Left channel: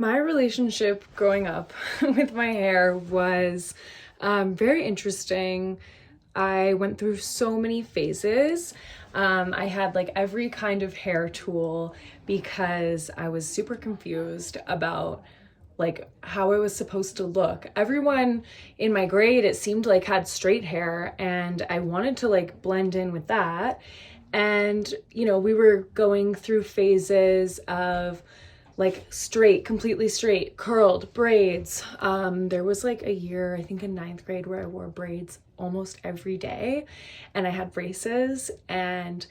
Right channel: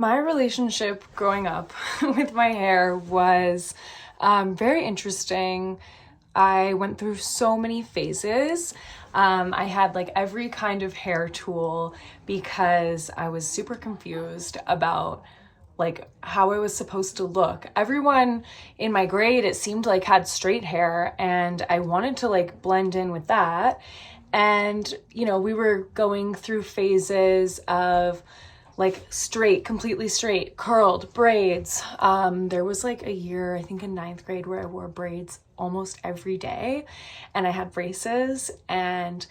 My relationship growing up with my hair was very interesting. I went through so many phases. I had like every kind of hair tool because I was super confused about like how it was supposed to look. Everyone in my grade, it seemed like had straight hair, and I wanted to like blend in with that. And, we were going through phases of like straight, completely straight, curled braids. There was like a year, I think in ninth grade, where I wore braids almost every day, and I had braces, and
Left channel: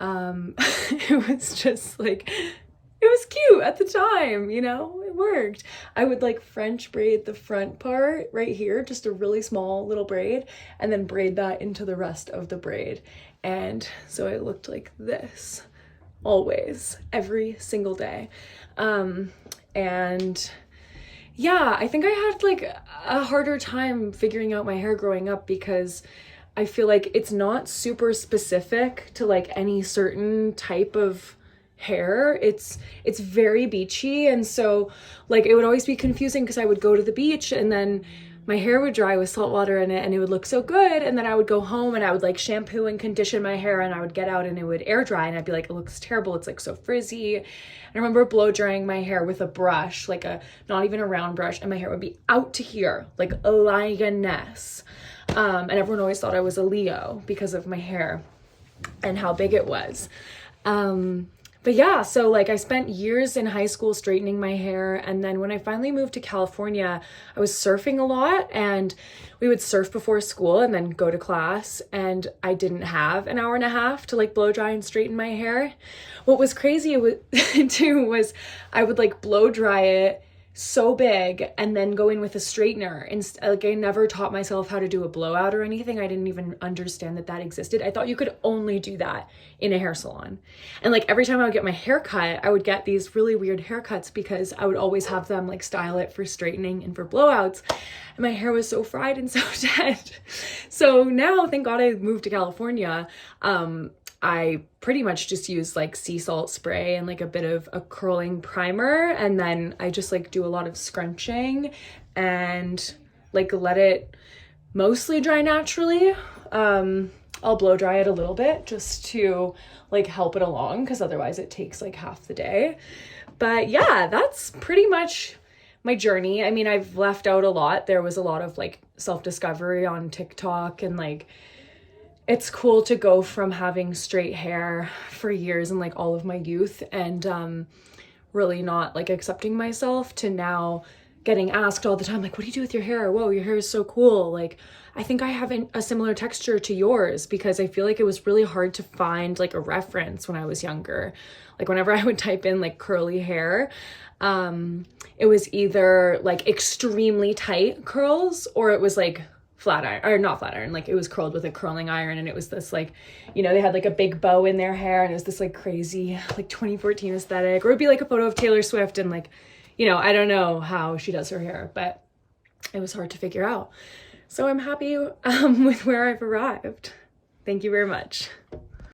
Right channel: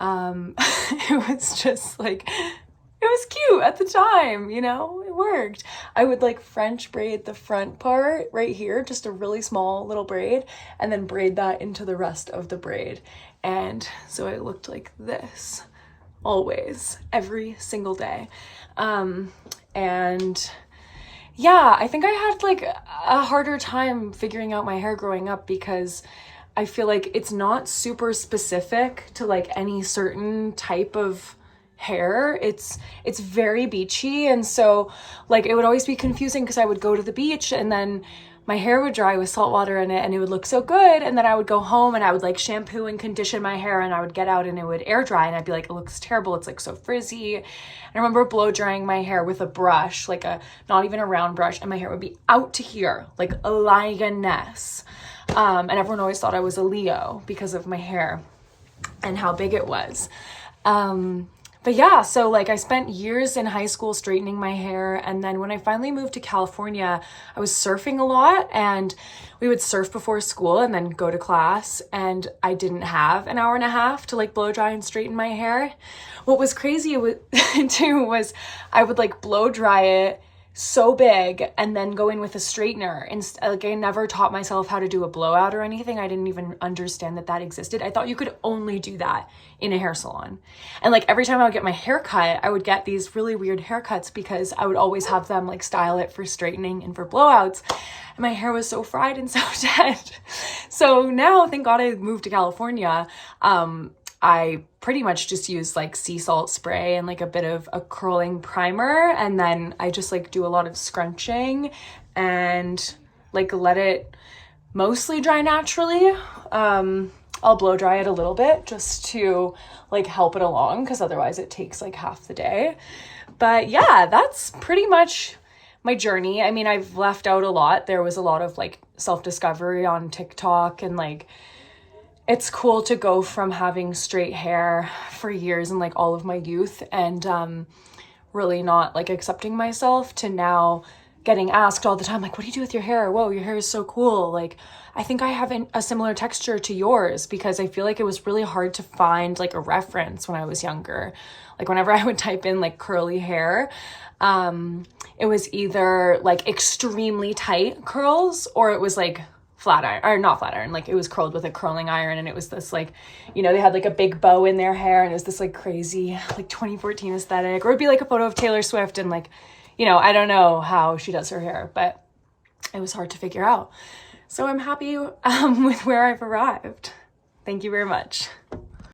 it was just like, it was cute at the time, it worked. I would like French braid the front part right here, just a really small little braid, and then braid that into the rest of the braid. And so it looked like this always, every single day. And yeah, I think I had like a harder time figuring out my hair growing up because I feel like it's not super specific to like any certain type of hair. It's very beachy, and so like it would always be confusing because I would go to the beach and then my hair would dry with salt water in it and it would look so good, and then I would go home and I would like shampoo and condition my hair, and I would get out and it would air dry and I'd be like, it looks terrible, it's like so frizzy. And I remember blow drying my hair with a brush, like a not even a round brush, and my hair would be out to here like a lioness. And everyone always thought I was a Leo because of my hair and how big it was. But yeah, so like I spent years in high school straightening my hair, and then when I finally moved to California, I was surfing a lot, and we would surf before school and then go to class, and I didn't have an hour and a half to like blow dry and straighten my hair. What was crazy too was I would like blow dry it so big and then go in with a straightener. Like I never taught myself how to do a blowout or anything. I didn't even understand that existed. I thought you could only do that in a hair salon. And like every time I would get my hair cut, I would get these really weird haircuts because I would always have them like style it for straightening and for blowouts. And my hair was so fried and so dead. So now, thank God I moved to California. I pretty much just use like sea salt spray and like a bit of a curling primer, and then I just like do a lot of scrunching and like let it mostly dry naturally. I'll blow dry it a little bit just to like help it along, because otherwise it takes like half the day. But yeah, that's pretty much my journey. I mean, I've left out a lot. There was a lot of like self-discovery on TikTok, and like it's cool to go from having straight hair for years and like all of my youth and really not like accepting myself, to now getting asked all the time, like, what do you do with your hair? Whoa, your hair is so cool. Like, I think I have a similar texture to yours, because I feel like it was really hard to find like a reference when I was younger. Like whenever I would type in like curly hair, it was either like extremely tight curls, or it was like flat iron, or not flat iron, like it was curled with a curling iron, and it was this like, they had like a big bow in their hair, and it was this like crazy like 2014 aesthetic. Or it'd be like a photo of Taylor Swift, and like, I don't know how she does her hair, but it was hard to figure out. So I'm happy with where I've arrived. Thank you very much.